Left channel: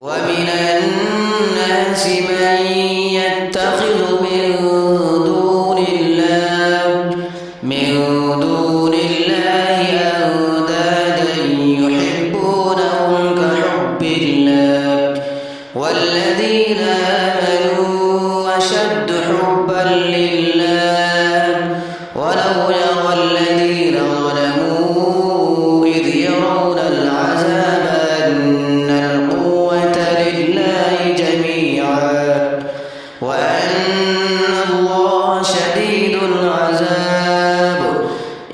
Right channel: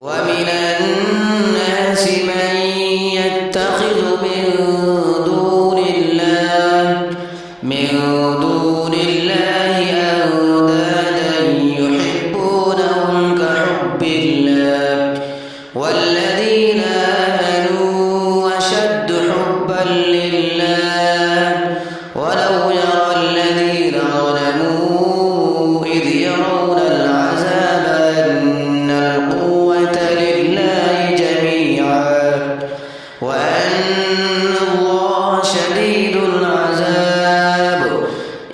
ومن الناس من يتخذ من دون الله أندادا يحبونهم كحب الله والذين آمنوا أشد حبا لله ولو يرى الذين ظلموا إذ يرون العذاب أن القوة لله جميعا وأن الله شديد العذاب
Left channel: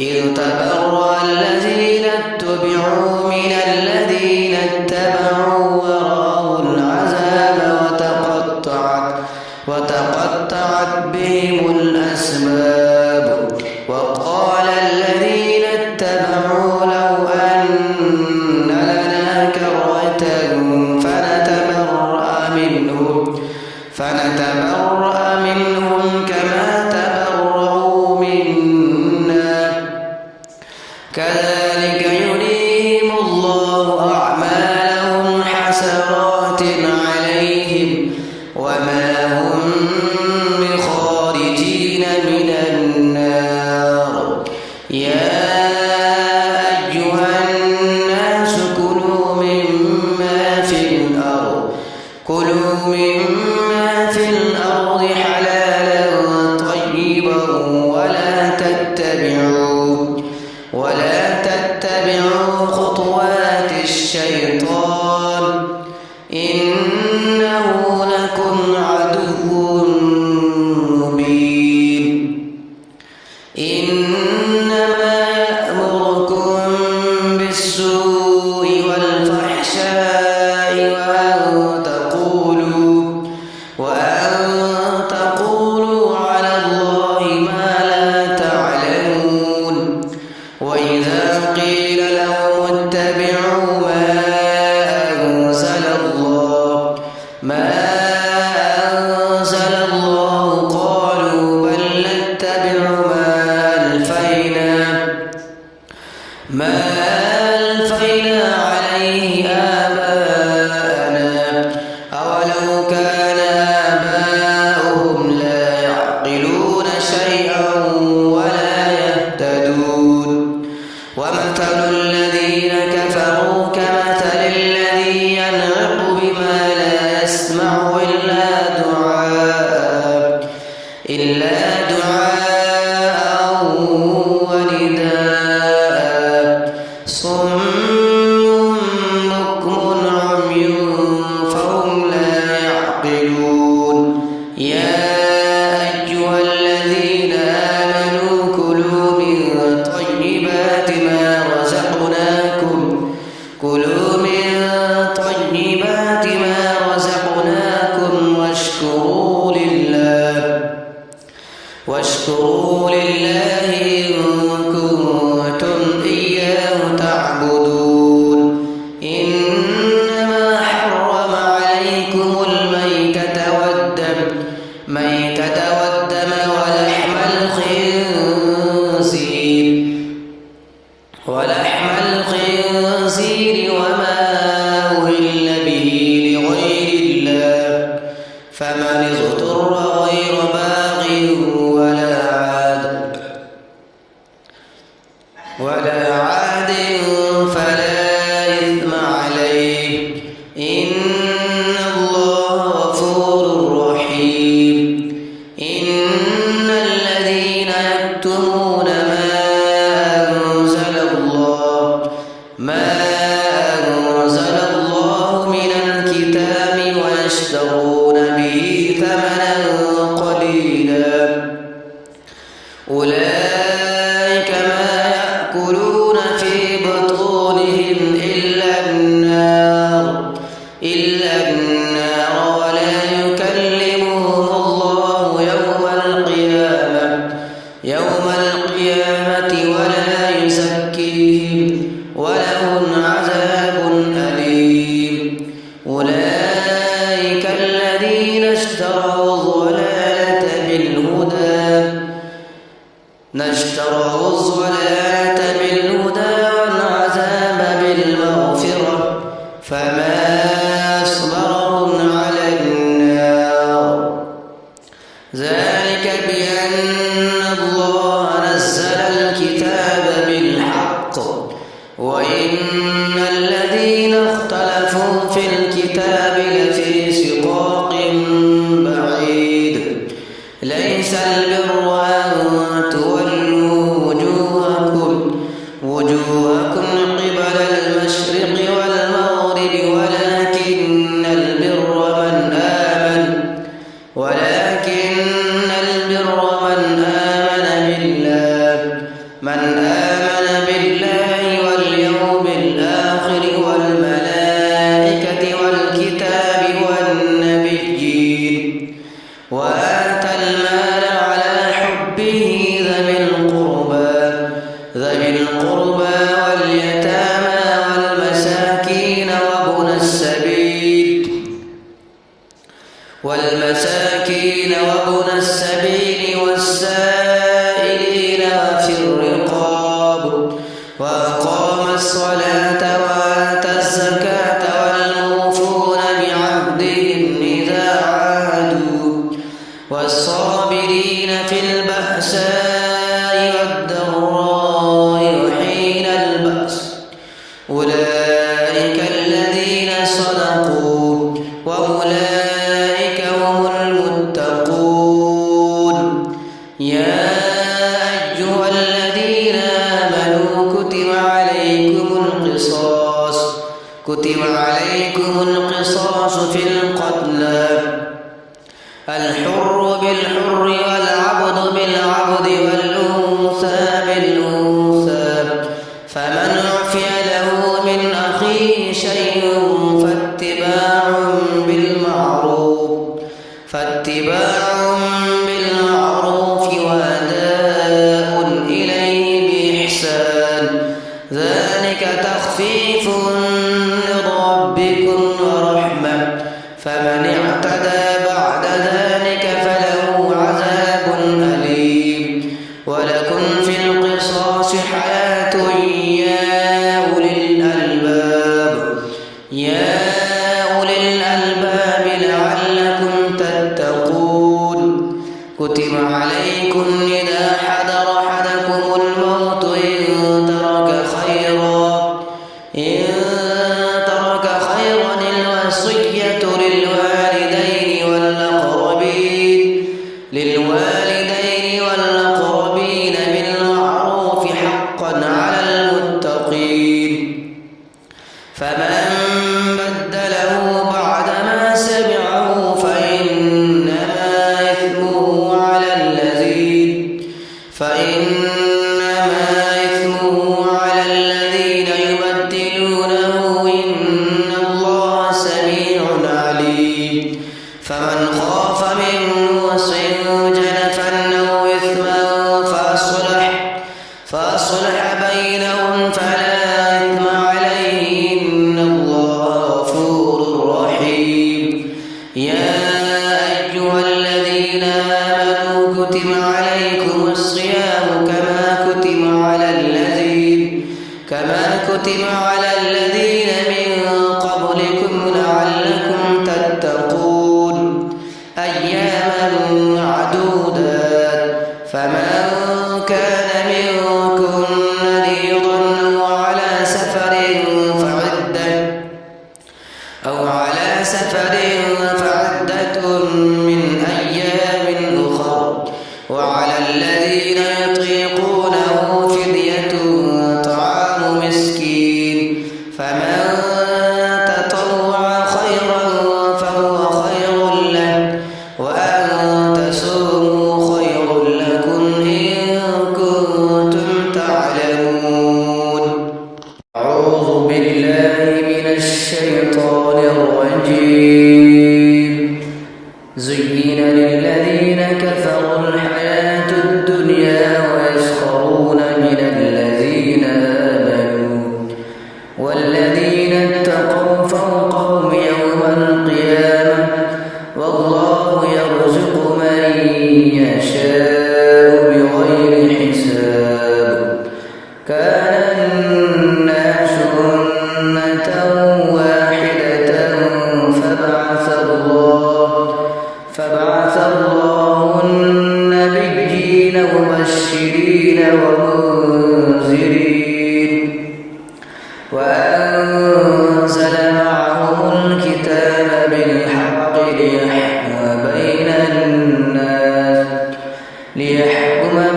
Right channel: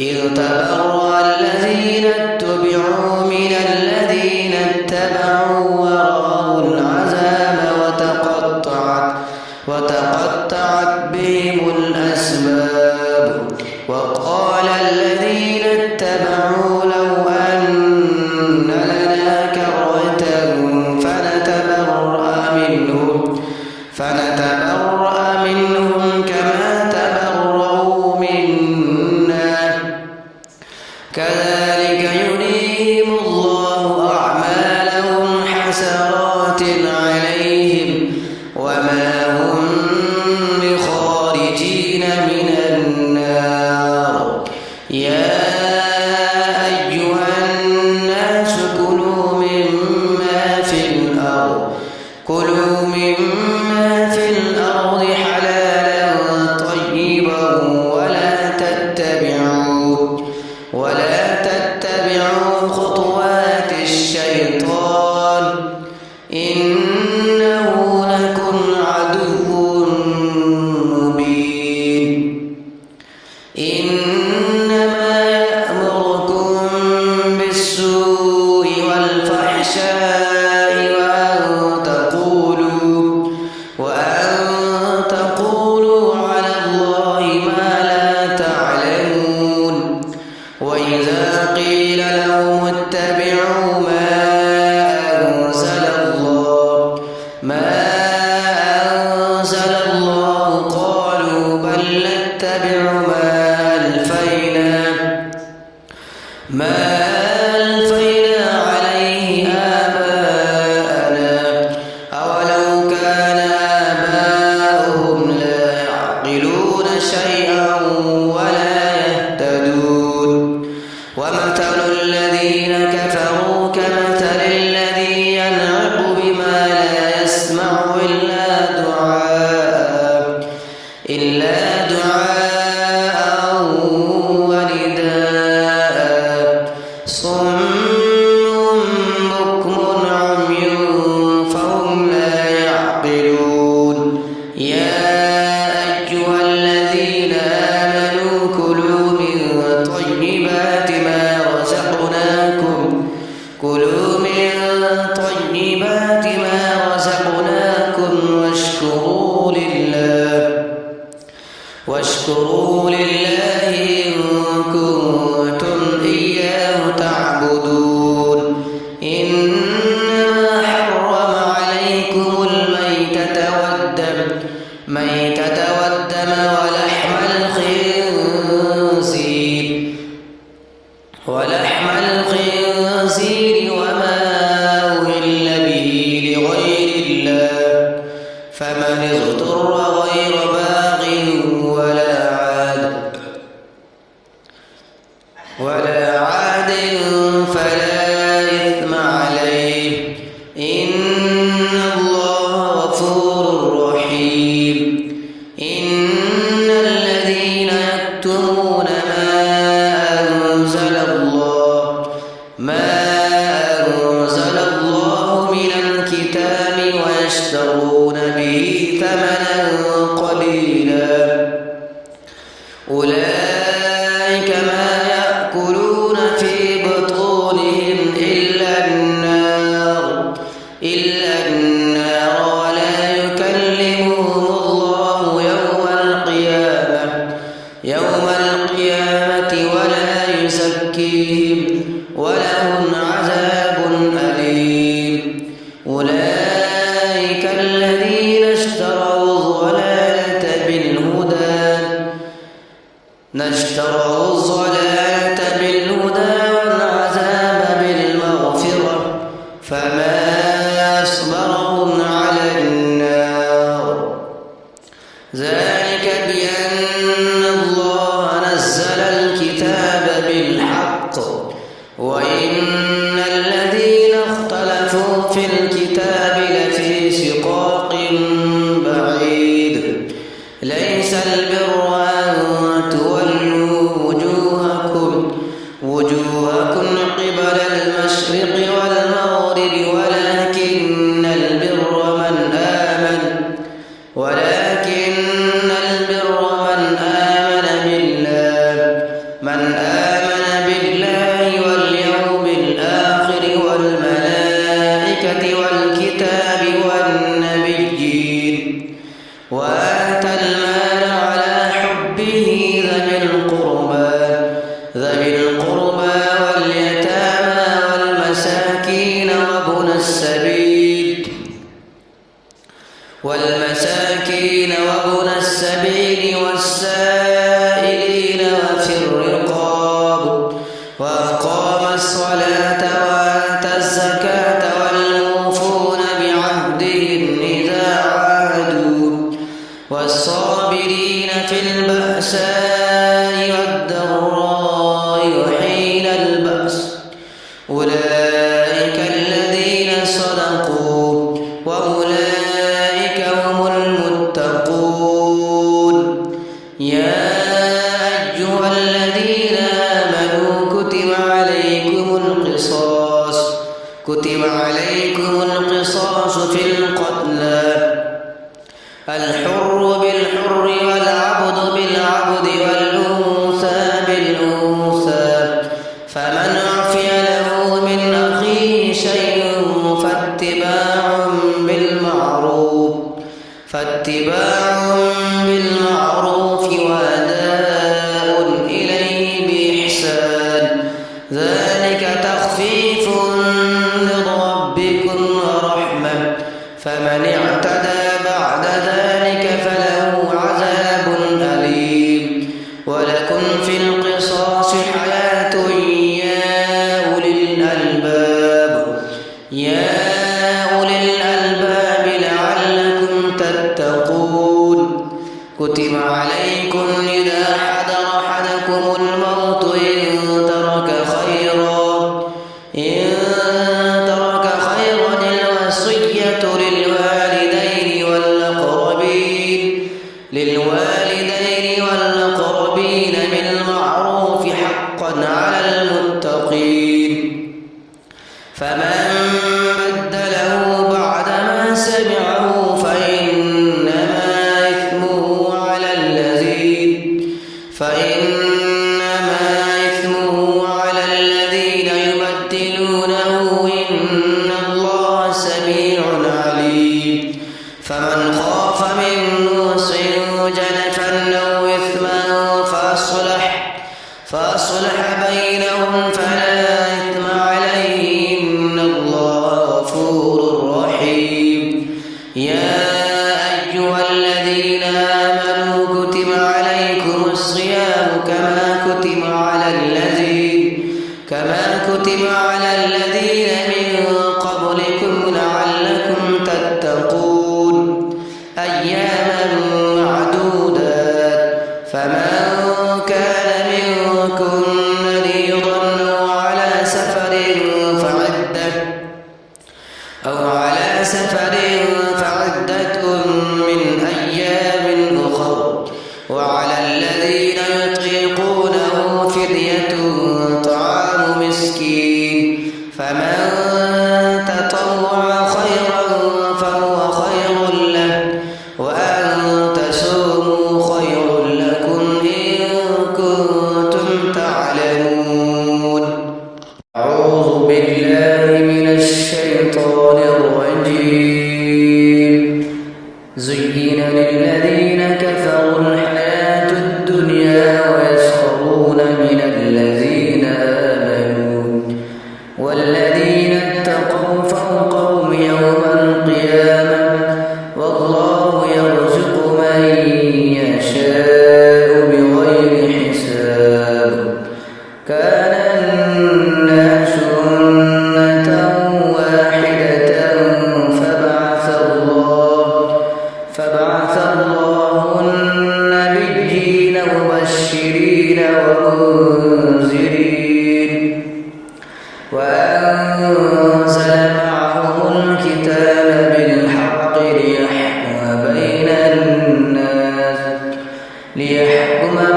إذ تبرأ الذين اتبعوا من الذين اتبعوا ورأوا العذاب وتقطعت بهم الأسباب وقال الذين اتبعوا لو أن لنا كرة فنتبرأ منهم كما تبرأوا منا كذلك يريهم الله أعمالهم حسرات عليهم وما هم بخارجين من النار يا أيها الناس كلوا مما في الأرض حلالا طيبا ولا تتبعوا خطوات الشيطان إنه لكم عدو مبين إنما يأمركم بالسوء والفحشاء وأن تقولوا على الله ما لا تعلمون وإذا قيل لهم اتبعوا ما أنزل الله قالوا بل نتبع ما ألفينا عليه آباءنا أولو كان آباؤهم لا يعقلون شيئا ولا يهتدون ومثل الذين كفروا كمثل الذي ينعق بما لا يسمع إلا دعاء ونداء صم بكم عمي فهم لا يعقلون يا أيها الذين آمنوا كلوا من طيبات ما رزقناكم واشكروا لله إن كنتم إياه تعبدون إنما حرم عليكم الميتة والدم ولحم الخنزير وما أهل به لغير الله فمن اضطر غير باغ ولا عاد فلا إثم عليه إن الله غفور رحيم إن الذين يكتمون ما أنزل الله من الكتاب ويشترون به ثمنا قليلا أولئك ما يأكلون في بطونهم إلا النار ولا يكلمهم الله يوم القيامة ولا يزكيهم ولهم عذاب أليم أولئك الذين اشتروا الضلالة بالهدى والعذاب بالمغفرة فما ويصبرهم على النار. ذلك بأن الله نزل الكتاب بالحق وإن الذين اختلفوا في الكتاب لفي شقاق بعيد. ليس البر أن تولوا وجوهكم قبل المشرق والمغرب ولكن البر من آمن بالله واليوم الآخر والملائكة والكتاب والنبيين وآتى المال على حبه ذوي القربى واليتامى والمساكين وابن السبيل والسائلين وفي الرقاب وأقام الصلاة وآتى الزكاة والموفون بعهدهم إذا عاهدوا والصابرين في البأساء والضراء وحين البأس أولئك الذين صدقوا وأولئك هم المتقون. يا أيها الذين آمنوا كتب عليكم القصاص في القتلى الحر بالحر والعبد بالعبد والأنثى بالأنثى فمن عفي له من أخيه شيء فاتباع بالمعروف وأداء إليه بإحسان ذلك تخفيف من ربكم ورحمة فمن اعتدى بعد ذلك فله عذاب أليم. ولكم في القصاص حياة يا أولي الألباب لعلكم تتقون. كتب عليكم إذا حضر أحدكم الموت إن ترك خيرا الوصية للوالدين والأقربين بالمعروف حقا على المتقين. فمن بدله بعدما سمعه فإنما إثمه على الذين يبدلونه إن الله سميع عليم. فمن خاف من موص جنفا أو إثما فأصلح بينهم فلا إثم عليه إن الله غفور رحيم. يا أيها الذين آمنوا كتب عليكم الصيام كما كتب على الذين من قبلكم لعلكم تتقون. أياما معدودات فمن كان منكم مريضا أو على سفر فعدة من أيام أخر وعلى الذين يطيقونه فدية طعام مسكين فمن تطوع خيرا فهو خير له وأن تصوموا خير لكم إن كنتم تعلمون. أعوذ بالله من الشيطان الرجيم. زين للذين كفروا الحياة الدنيا ويسخرون من الذين آمنوا والذين اتقوا فوقهم يوم القيامة والله يرزق من يشاء بغير حساب. كان الناس أمة واحدة فبعث الله النبيين مبشرين ومنذرين وأنزل معهم الكتاب بالحق ليحكم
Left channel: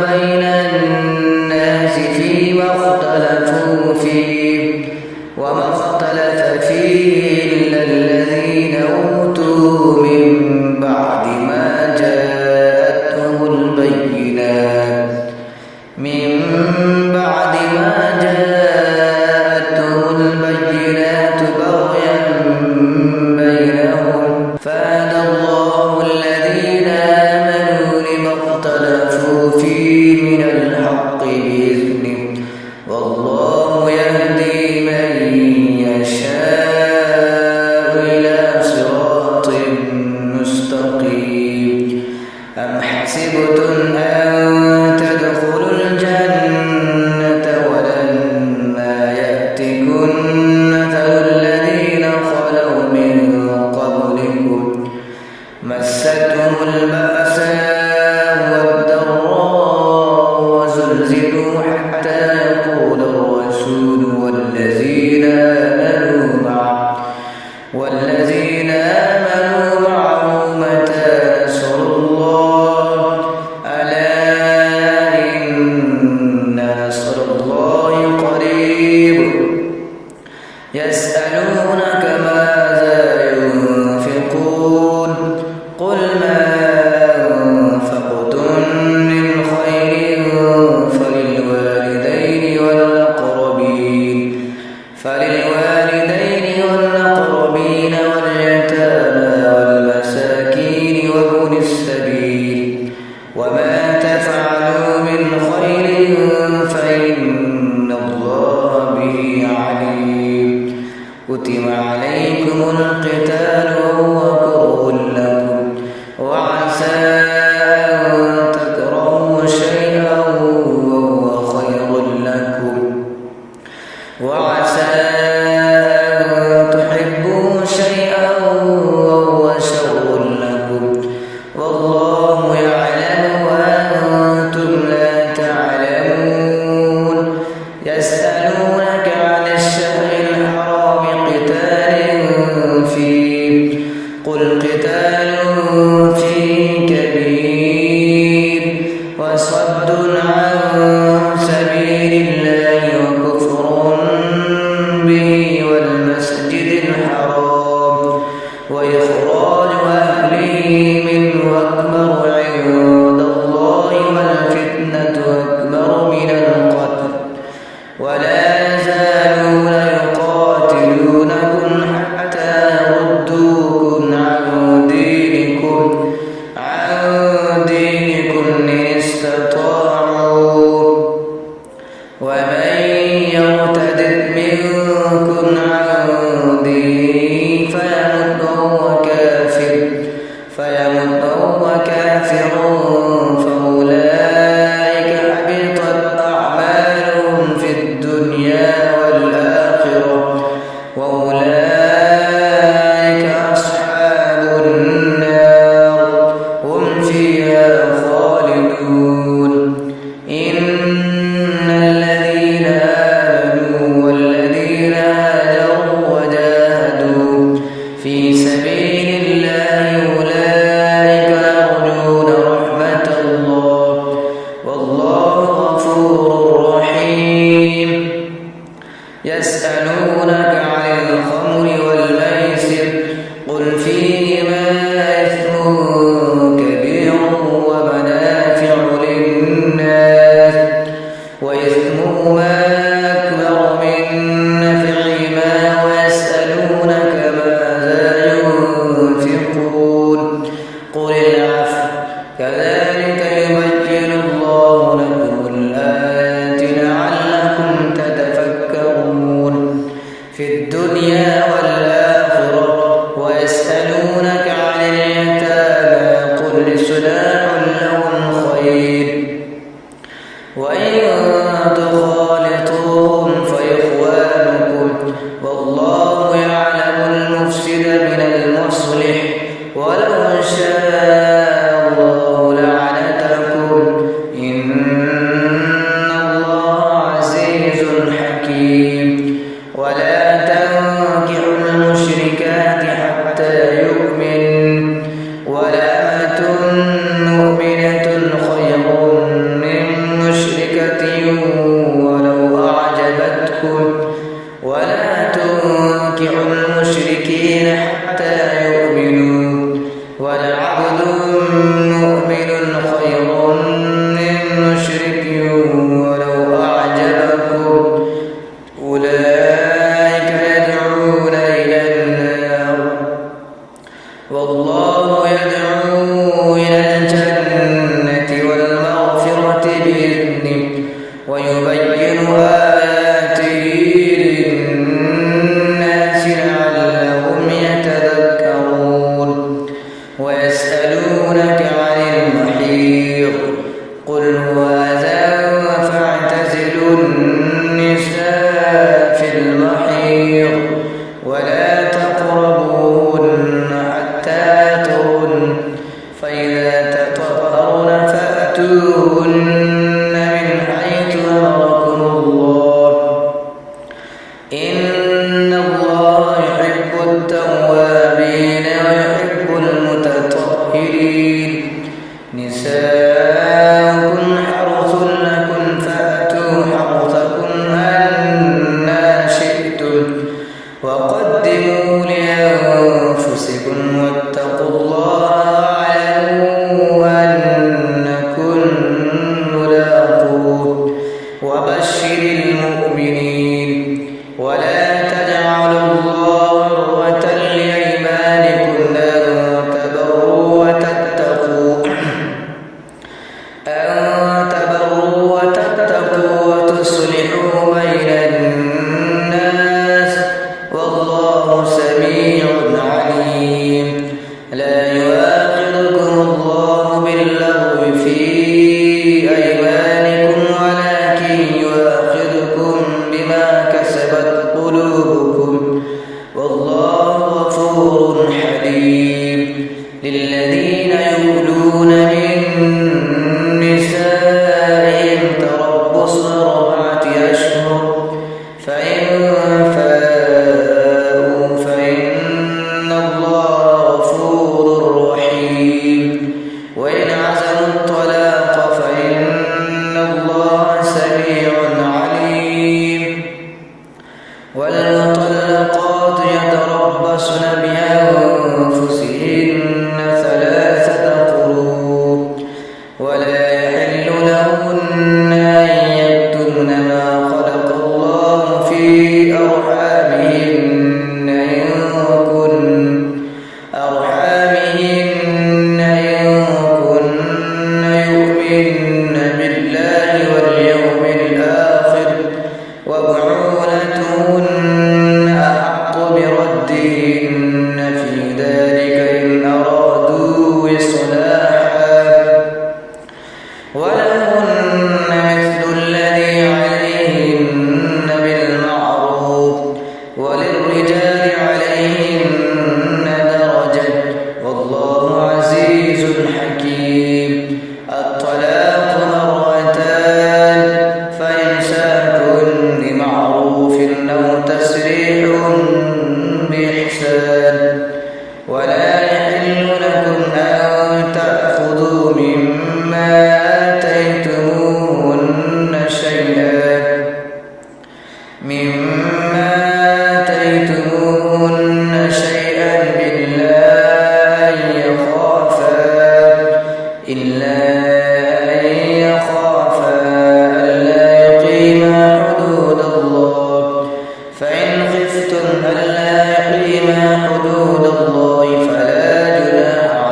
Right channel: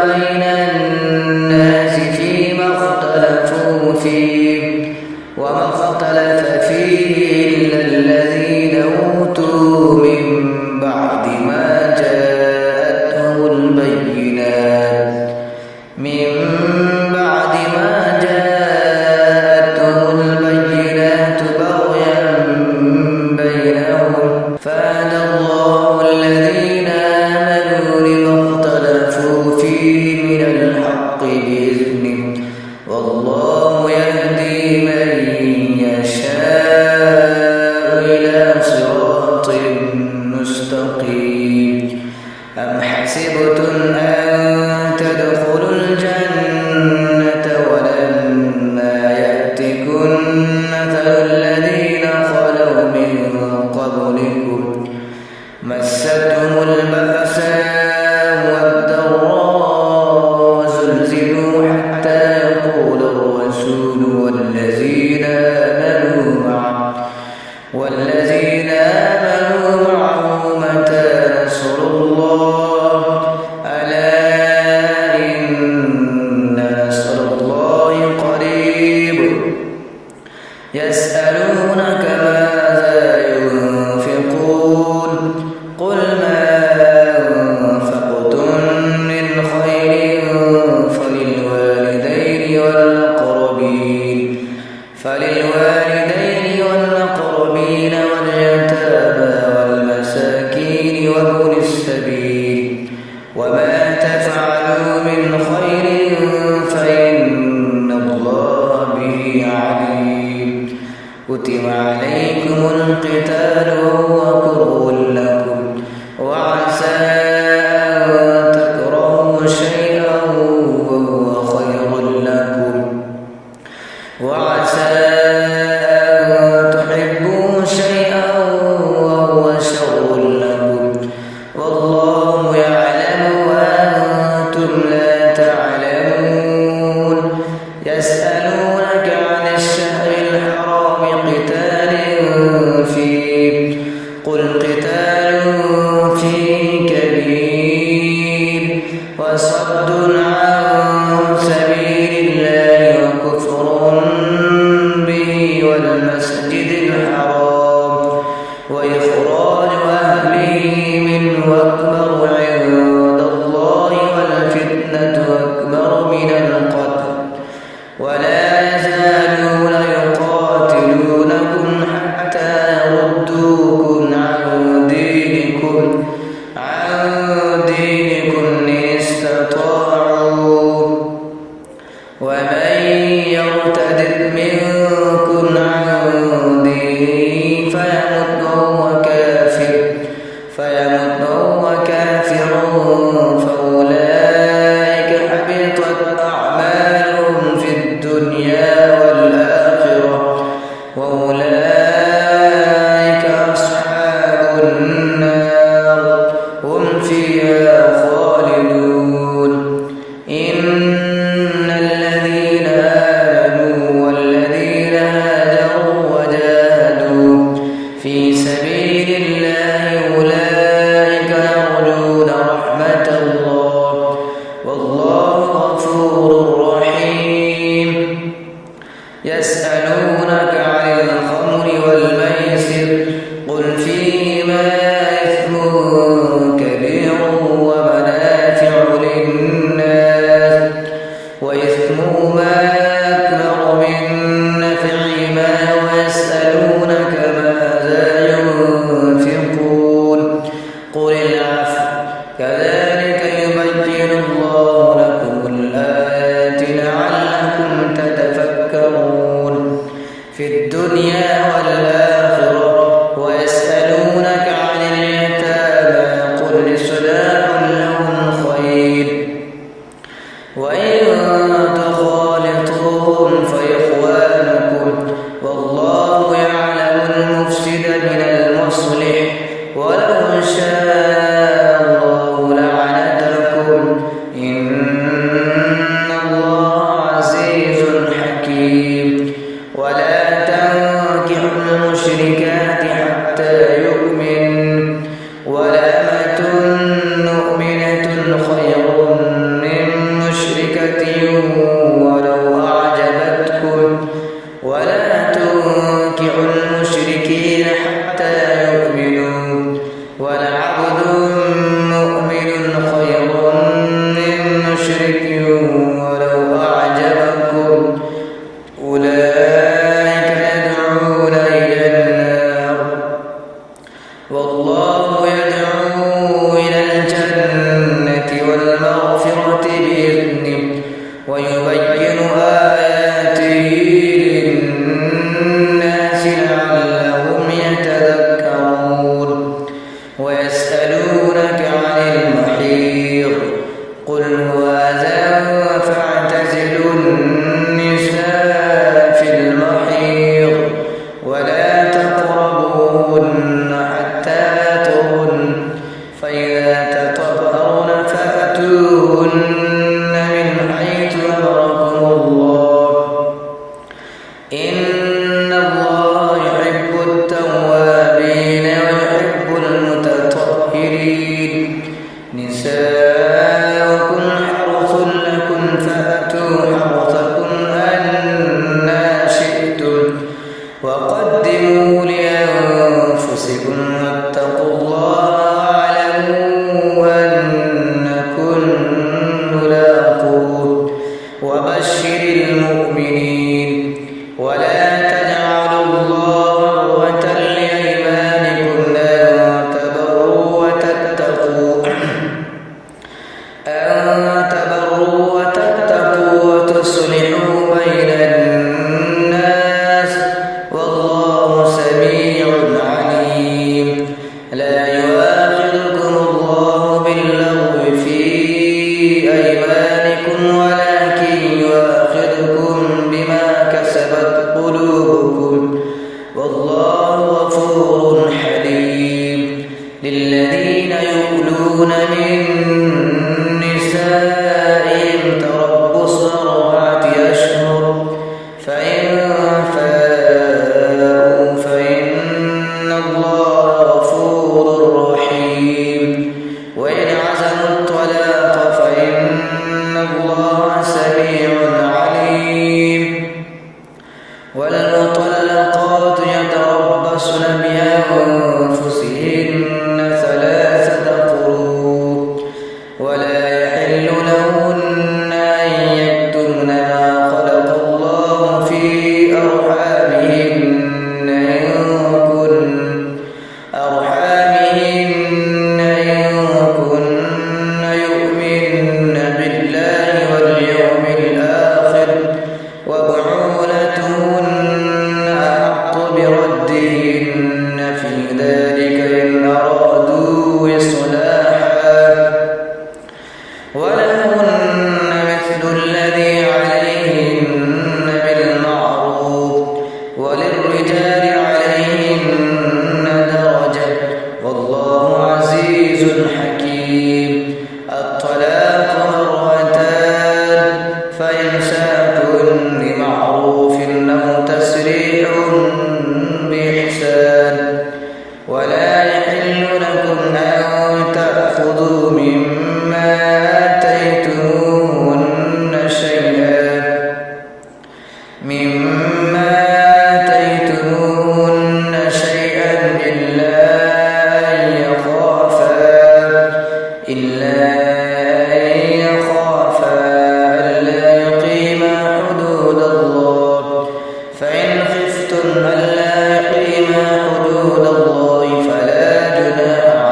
بين الناس فيما اختلفوا فيه وما اختلف فيه إلا الذين أوتوا من بعد ما جاءتهم البينات بغيا بينهم فهدى الله الذين آمنوا لما اختلفوا فيه من الحق بإذنه والله يهدي من يشاء إلى صراط مستقيم. أم حسبتم أن تدخلوا الجنة ولما يأتكم مثل الذين خلوا من قبلكم مستهم البأساء والضراء وزلزلوا حتى يقول الرسول والذين آمنوا معه متى نصر الله ألا إن نصر الله قريب. يسألونك ماذا ينفقون قل ما أنفقتم من خير فللوالدين واليتامى والمساكين وابن السبيل وما تفعلوا من خير فإن الله به عليم. كتب عليكم القتال وهو كره لكم وعسى أن تكرهوا شيئا وهو خير لكم وعسى أن تحبوا شيئا وهو شر لكم والله يعلم وأنتم لا تعلمون. يسألونك عن الشهر الحرام قتال فيه قل قتال فيه كبير وصد عن سبيل الله وكفر به والمسجد الحرام وإخراج أهله منه أكبر عند الله والفتنة أكبر من القتل ولا يزالون يقاتلونكم حتى يردوكم عن دينكم إن استطاعوا ومن يرتد منكم عن دينه فيمت وهو كافر فأولئك حبطت أعمالهم في الدنيا والآخرة وأولئك أصحاب النار هم فيها خالدون. إن الذين آمنوا والذين هاجروا وجاهدوا في سبيل الله أولئك يرجون رحمة الله والله غفور رحيم. يسألونك عن الخمر والميسر قل فيهما إثم كبير ومنافع للناس وإثمهما أكبر من نفعهما ويسألونك ماذا ينفقون قل العفو كذلك يبين الله لكم الآيات لعلكم تتفكرون في الدنيا والآخرة. ويسألونك عن اليتامى قل إصلاح لهم خير وإن تخالطوهم فإخوانكم والله يعلم المفسد من المصلح يصلح ولو شاء الله لعنتكم إن الله عزيز حكيم ولا تنكحوا المشركات حتى يؤمن ولأمة مؤمنة خير من مشركة ولو أعجبتكم ولا تنكحوا المشركين حتى يؤمنوا ولعبد مؤمن خير من مشرك ولو أعجبكم أولئك يدعون إلى النار والله يدعو إلى الجنة والمغفرة بإذنه ويبين آياته للناس لعلهم يتذكرون ويسألونك عن المحيض قل هو أذى فاعتزلوا النساء في المحيض ولا تقربوهن حتى يطهرن فإذا تطهرن فأتوهن من حيث أمركم الله إن الله يحب التوابين ويحب المتطهرين نساؤكم حرث لكم فأتوا حرثكم أنى شئتم وقدموا لأنفسكم واتقوا الله واعلموا أنكم ملاقوه وبشر المؤمنين ولا تجعلوا الله عرضة لأيمانكم أن تبروا وتتقوا وتصلحوا بين الناس والله سميع عليم لا يؤاخذكم الله باللغو في أيمانكم ولكن يؤاخذكم بما كسبت قلوبكم والله غفور حليم للذين يؤلون من نسائهم تربص 4 أشهر فإن فاءوا فإن الله غفور رحيم وإن عزموا الطلاق فإن الله سميع عليم والمطلقات يتربصن بأنفسهن 3 قروء ولا يحل لهن أن يكتمن ما خلق الله في أرحامهن إن كن يؤمن بالله واليوم الآخر وبعولتهن أحق بردهن في ذلك إن أرادوا إصلاحا ولهن مثل الذي عليهن بالمعروف وللرجال عليهن درجة والله عزيز حكيم الطلاق 2 فإمساك بمعروف أو تسريح بإحسان ولا يحل لكم أن تأخذوا مما آتيتموهن شيئا إلا أن يخافا ألا يقيما حدود الله فإن خفتم ألا يقيما حدود الله فلا جناح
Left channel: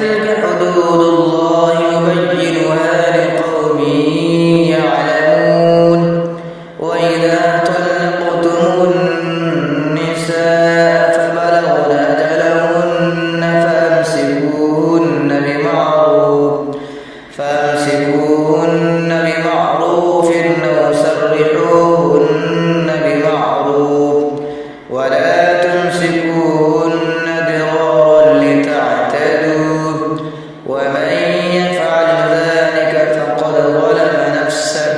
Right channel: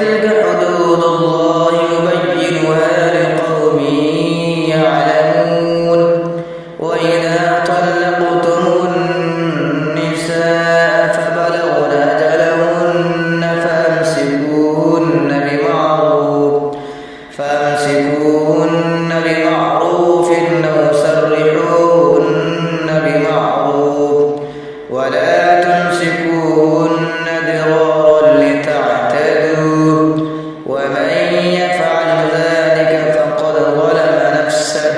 وتلك حدود الله يبينها لقوم يعلمون وإذا طلقتم النساء فبلغن أجلهن فامسكوهن بمعروف أو سرحوهن بمعروف ولا تمسكوهن ضرارا لتعتدوا ومن يفعل ذلك فقد ظلم نفسه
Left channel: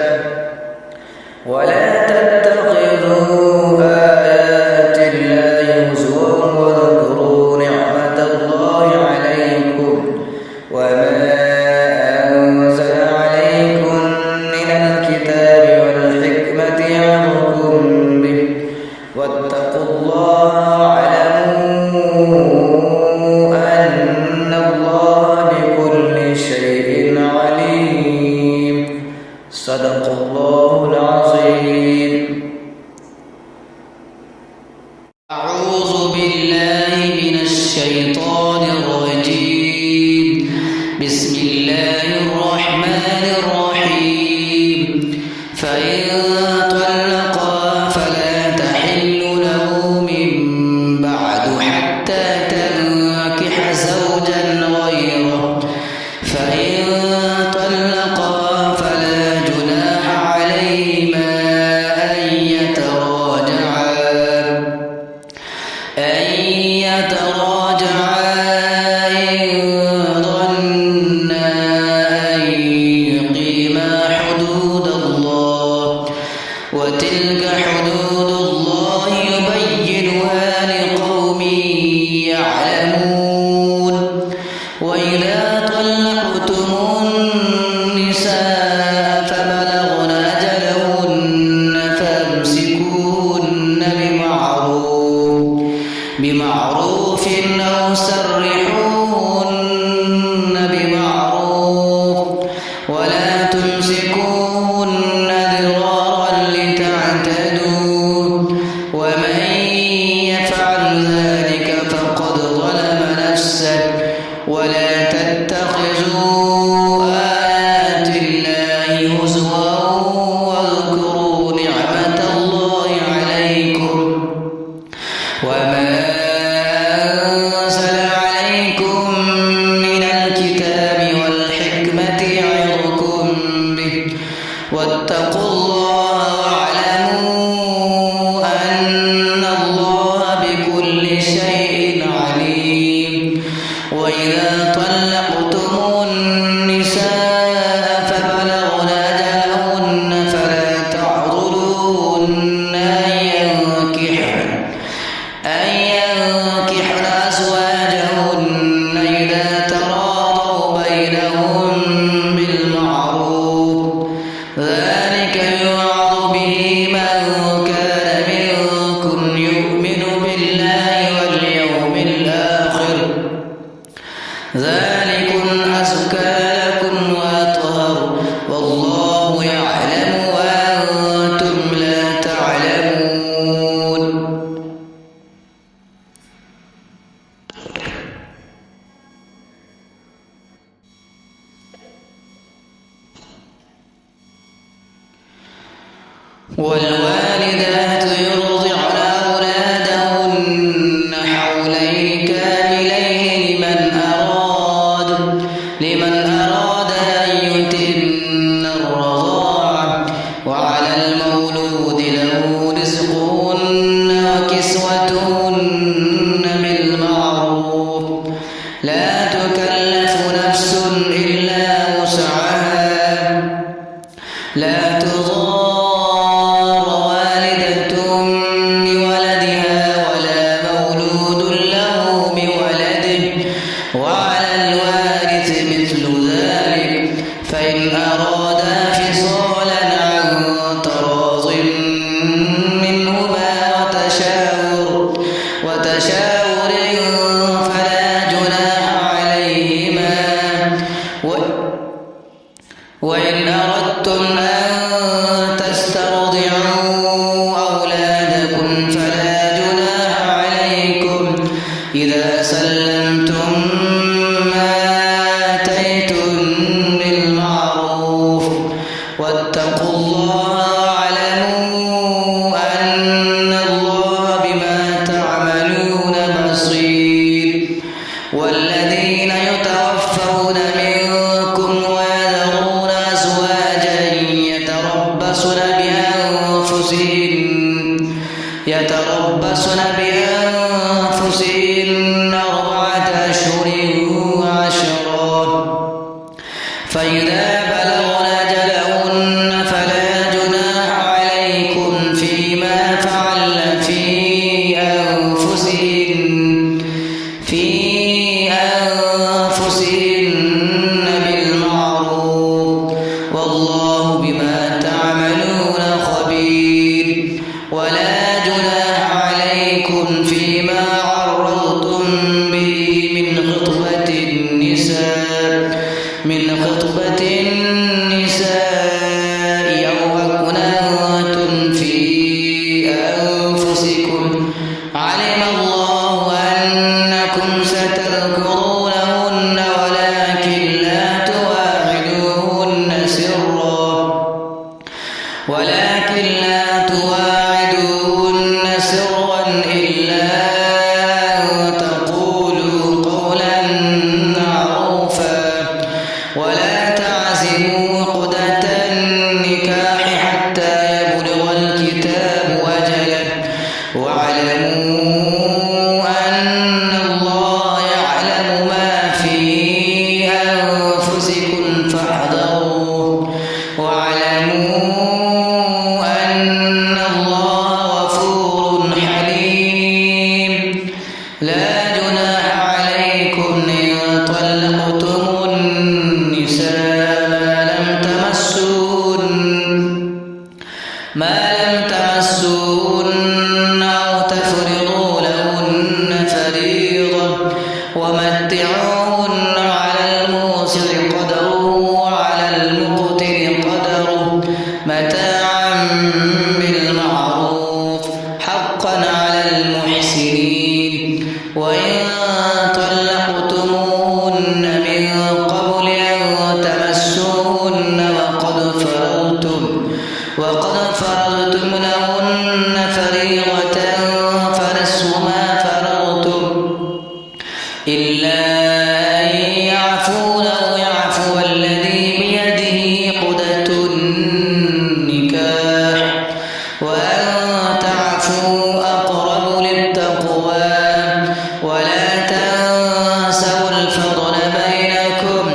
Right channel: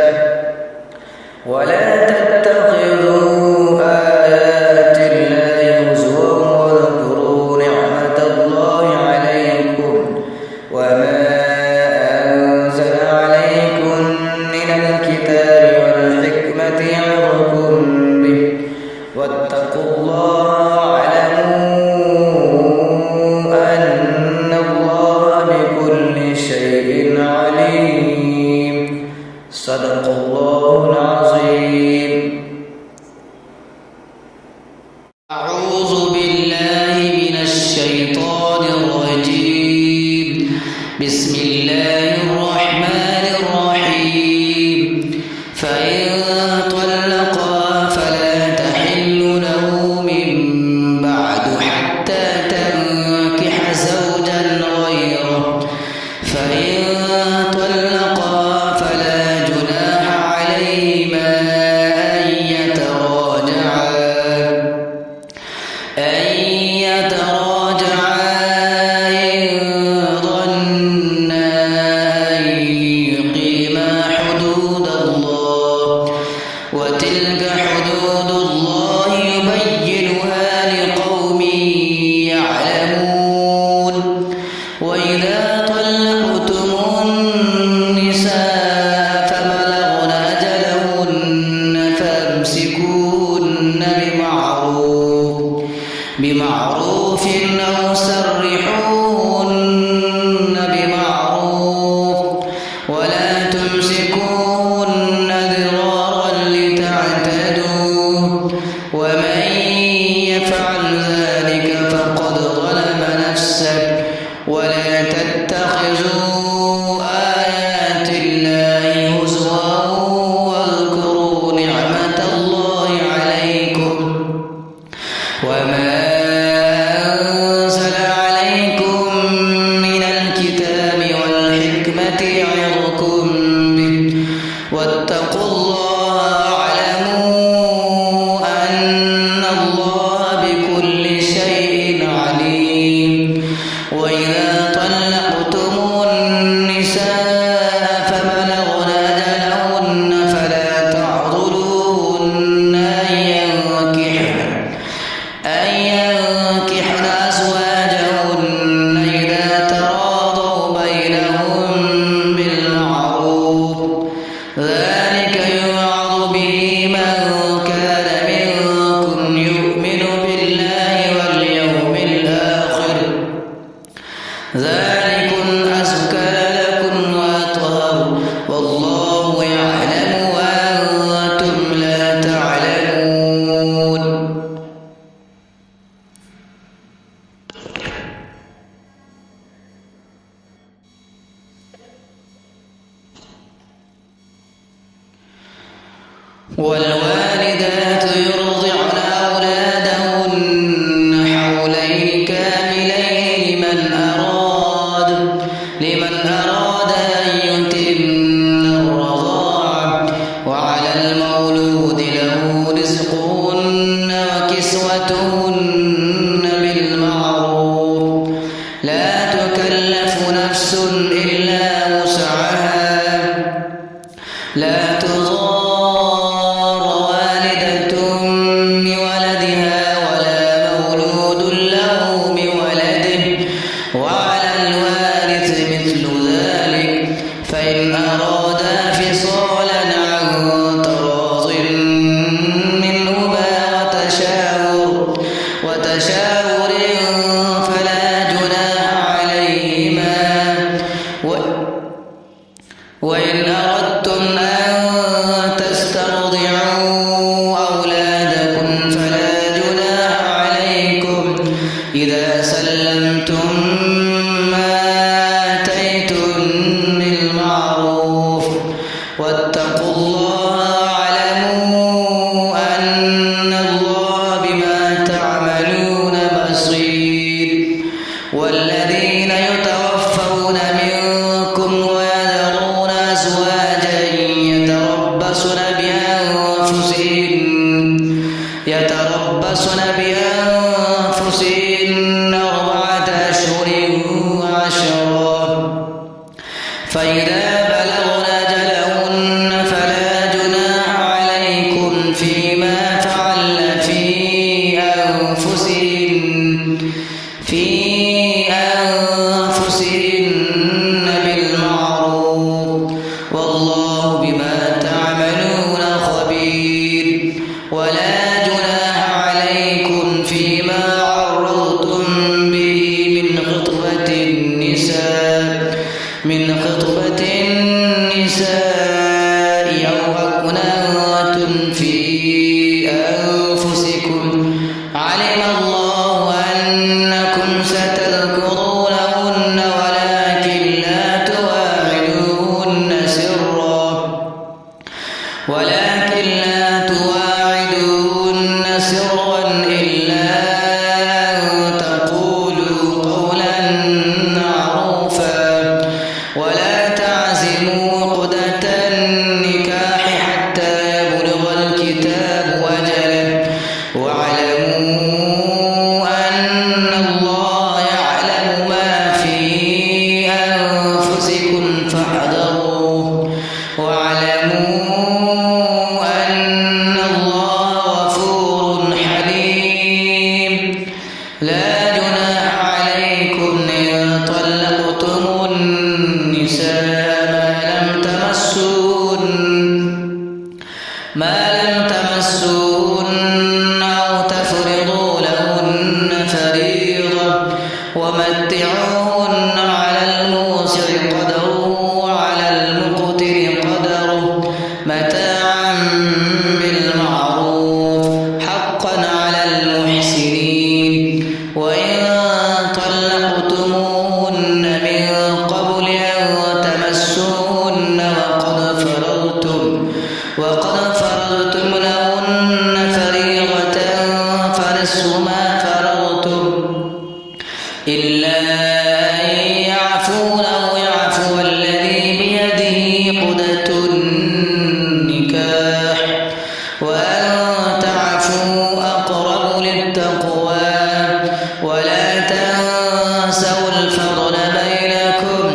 ولا تتخذوا آيات الله هزوا واذكروا نعمة الله عليكم وما أنزل عليكم من الكتاب والحكمة يعظكم به واتقوا الله واعلموا أن الله بكل شيء عليم. صدق الله العظيم. أعوذ بالله من الشيطان الرجيم. بسم الله الرحمن الرحيم. فإن طلقا فلا تحل له من بعد حتى تنكح زوجا غيره فإن طلقا فلا جناح عليهما أن يتراجعا إن ظنا أن يقيما حدود الله وتلك حدود الله يبينها لقوم يعلمون وإذا طلقتم النساء فبلغن أجلهن فامسكوهن بمعروف أو سرحوهن بمعروف ولا تمسكوهن ضرارا لتعتدوا ومن يفعل ذلك فقد ظلم نفسه ولا تتخذوا آيات الله هزوا واذكروا نعمة الله عليكم وما أنزل عليكم من الكتاب والحكمة يعظكم به واتقوا الله واعلموا أن الله بكل شيء عليم. وإذا طلقتم النساء فبلغن أجلهن فلا تعضلوهن أن ينكحن أزواجهن إذا تراضوا بينهم بالمعروف ذلك يوعظ به من كان منكم يؤمن بالله واليوم الآخر ذلكم أزكى لكم وأطهر والله يعلم وأنتم لا تعلمون. والوالدات يرضعن أولادهن حولين كاملين لمن أراد أن يتم الرضاعة وعلى المولود له رزقهن وكسوتهن بالمعروف لا تكلف نفس إلا وسعها لا تضار والدة بولدها ولا مولود له بولده وعلى الوارث مثل ذلك فإن أرادا فصالا عن تراض منهما وتشاور فلا جناح عليهما وإن أردتم أن تسترضعوا أولادكم فلا جناح عليكم إذا سلمتم ما واتقوا الله واعلموا أن الله بما تعملون بصير. والذين يتوفون منكم ويذرون أزواجا يتربصن بأنفسهن 4 أشهر و10، فإذا بلغن أجلهن فلا جناح عليكم فيما فعلن في أنفسهن بالمعروف، والله بما تعملون خبير. ولا جناح عليكم فيما عرضتم به من خطبة النساء أو أكننتم في أنفسكم، علم الله أنكم ستذكرونهن ولكن لا تواعدوهن سرا إلا أن تقولوا قولا معروفا، ولا تعزموا عقدة النكاح حتى يبلغ الكتاب أجله، واعلموا أن الله يعلم ما في أنفسكم فاحذروه، واعلموا أن الله غفور حليم. لا جناح عليكم إن طلقتم النساء ما لم تمسوهن أو تفرضوا لهن فريضة، ومتعوهن على الموسع قدره وعلى المقتر قدره متاعا بالمعروف حقا على المحسنين. وإن طلقتموهن من قبل أن تمسوهن وقد فرضتم لهن فريضة فنصف ما فرضتم إلا أن يعفون أو يعفو الذي بيده عقدة النكاح، وأن تعفوا أقرب للتقوى. ولا تنسوا الفضل بينكم،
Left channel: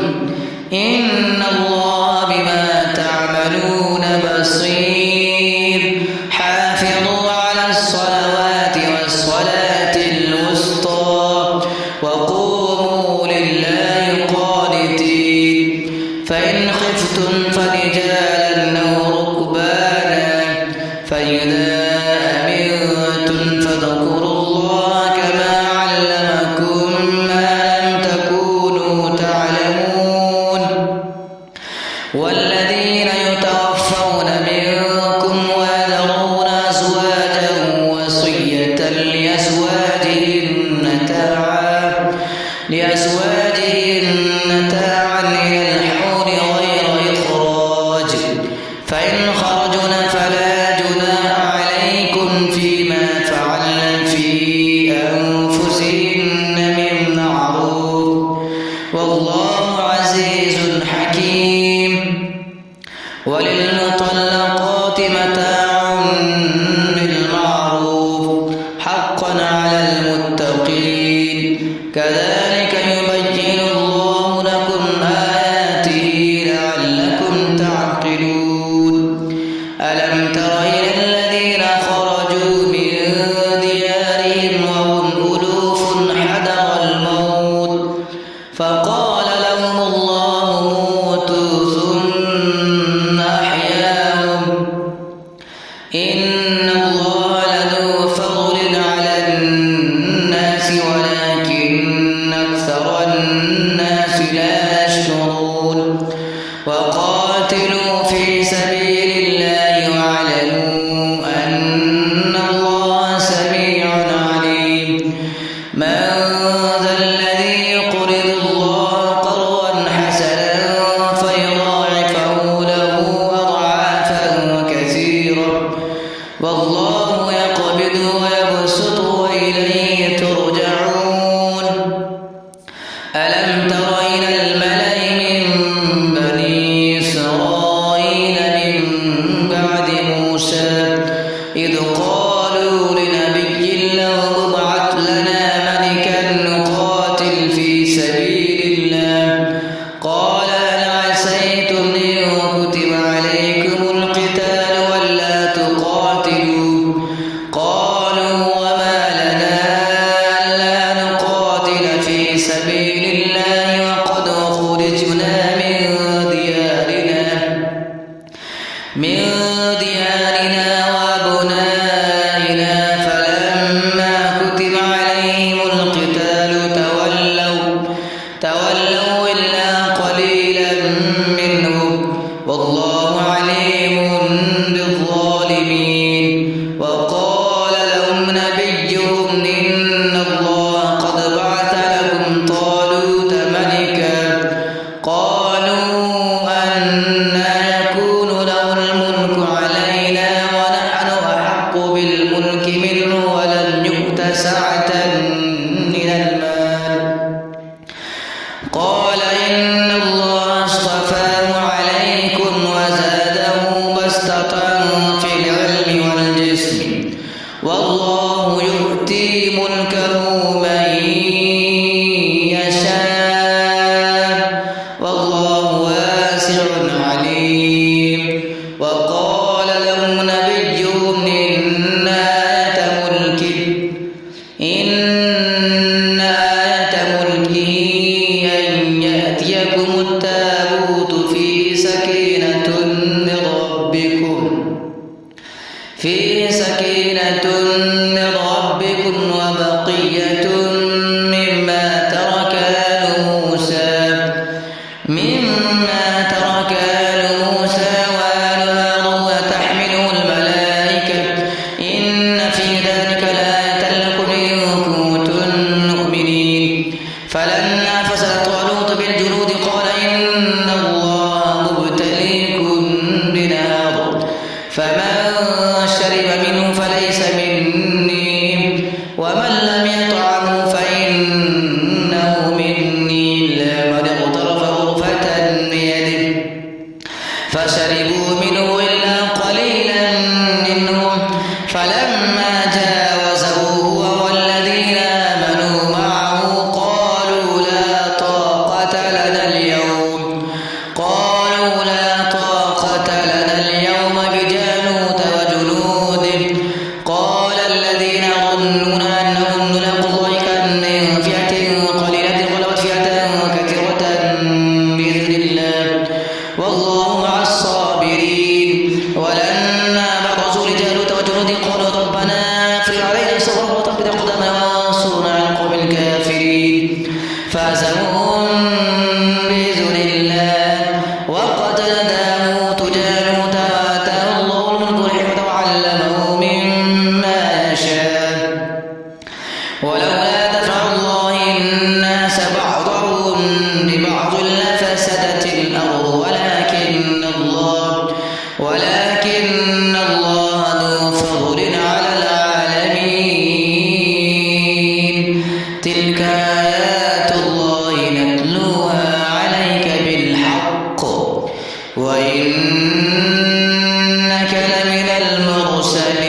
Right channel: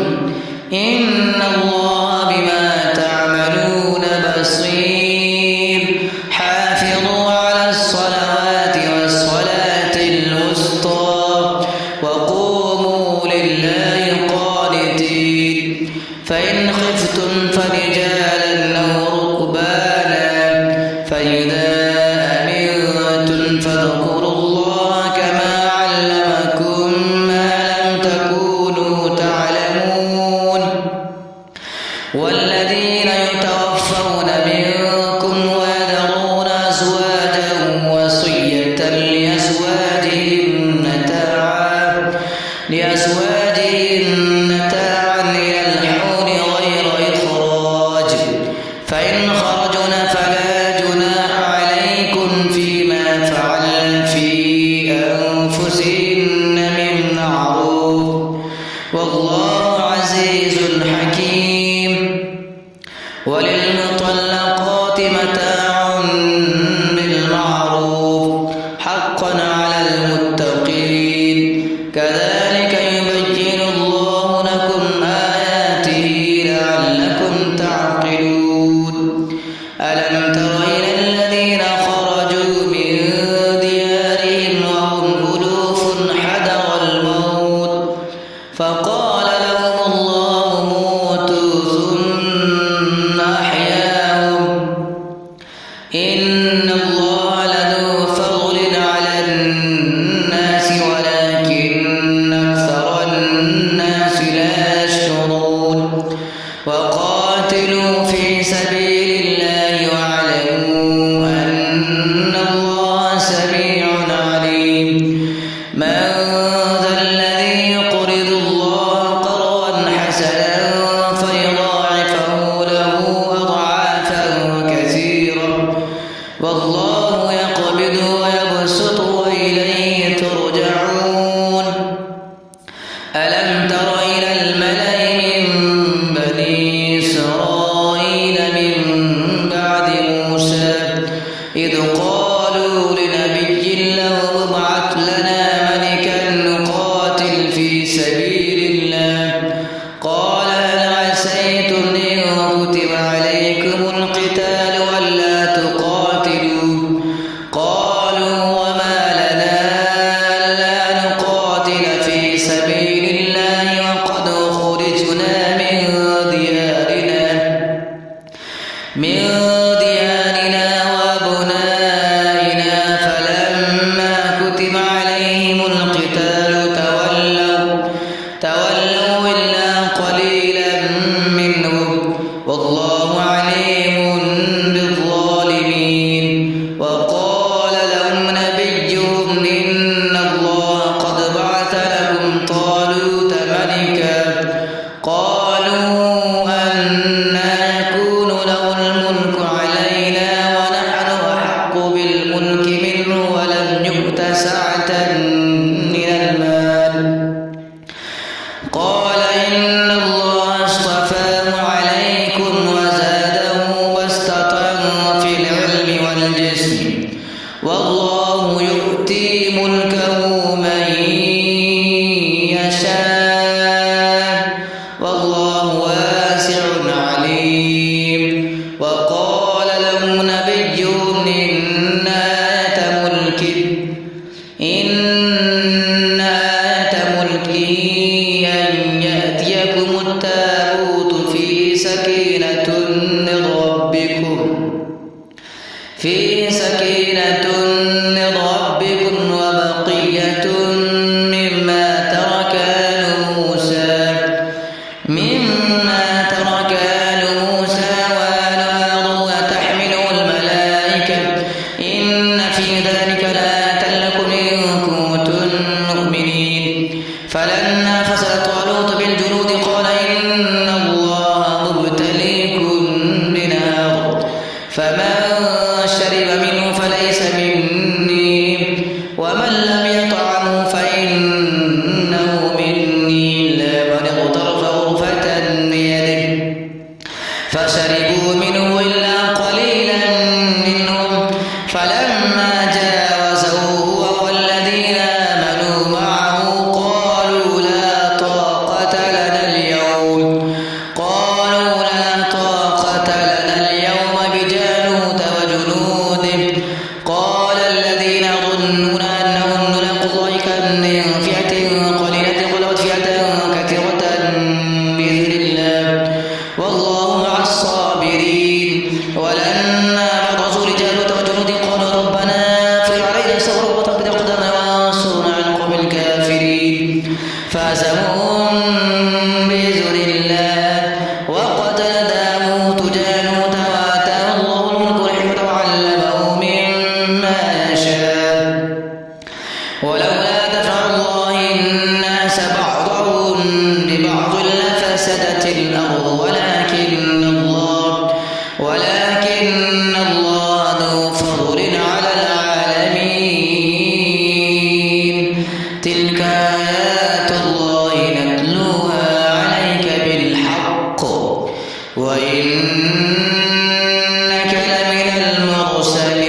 إن الله بما تعملون بصير. حافظوا على الصلوات والصلاة الوسطى وقوموا لله قانتين. فإن خفتم فرجالا أو ركبانا فإذا أمنتم فاذكروا الله كما علمكم ما لم تكونوا تعلمون. والذين يتوفون منكم ويذرون أزواجا وصية لأزواجهن متاعا إلى الحول غير إخراج، فإن خرجن فلا جناح عليكم فيما فعلن في أنفسهن من معروف، والله عزيز حكيم. وللمطلقات متاع بالمعروف حقا على المتقين. كذلك يبين الله لكم آياته لعلكم تعقلون. ألم تر إلى الذين خرجوا من ديارهم وهم ألوف حذر الموت فقال لهم الله موتوا ثم أحياهم، إن الله لذو فضل على الناس ولكن أكثر الناس لا يشكرون. وقاتلوا في سبيل الله واعلموا أن الله سميع عليم. من ذا الذي يقرض الله قرضا حسنا فيضاعفه له أضعافا أخرجنا من ديارنا وأبنائنا فلما كتب عليهم القتال تولوا إلا قليلا منهم والله عليم بالظالمين. وقال لهم نبيهم إن الله قد بعث لكم طالوت ملكا قالوا أنى يكون له الملك علينا ونحن أحق بالملك منه ولم يؤت سعة من المال قال إن الله اصطفاه عليكم وزاده بسطة في العلم والجسم والله يؤتي ملكه من يشاء والله واسع عليم. وقال لهم نبيهم إن آية ملكه أن يأتيكم التابوت فيه سكينة من ربكم وبقية مما ترك آل موسى وآل هارون وتحمله الملائكة إن في ذلك لآية لكم إن كنتم مؤمنين. فلما فصل طالوت بالجنود قال إن الله مبتليكم بنهر فمن شرب منه فليس مني ومن لم يطعمه فإنه مني إلا من اغترف غرفة بيده فشربوا منه إلا قليلا منهم فلما جاوزه هو والذين آمنوا معه قالوا لا طاقة لنا اليوم بجالوت وجنوده قال الذين يظنون أنهم ملاقو الله كم من فئة قليلة غلبت فئة كثيرة بإذن الله والله مع الصابرين. ولما برزوا لجالوت وجنوده قالوا ربنا افرغ علينا صبرا وثبت أقدامنا وانصرنا على القوم الكافرين فهزموهم بإذن الله وقتل داوود جالوت وآتاه الله الملك والحكمة وعلمه مما يشاء ولولا دفع الله الناس بعضهم ببعض لفسدت الأرض ولكن الله ذو فضل على العالمين. تلك آيات الله نتلوها عليك بالحق وإنك لمن المرسلين.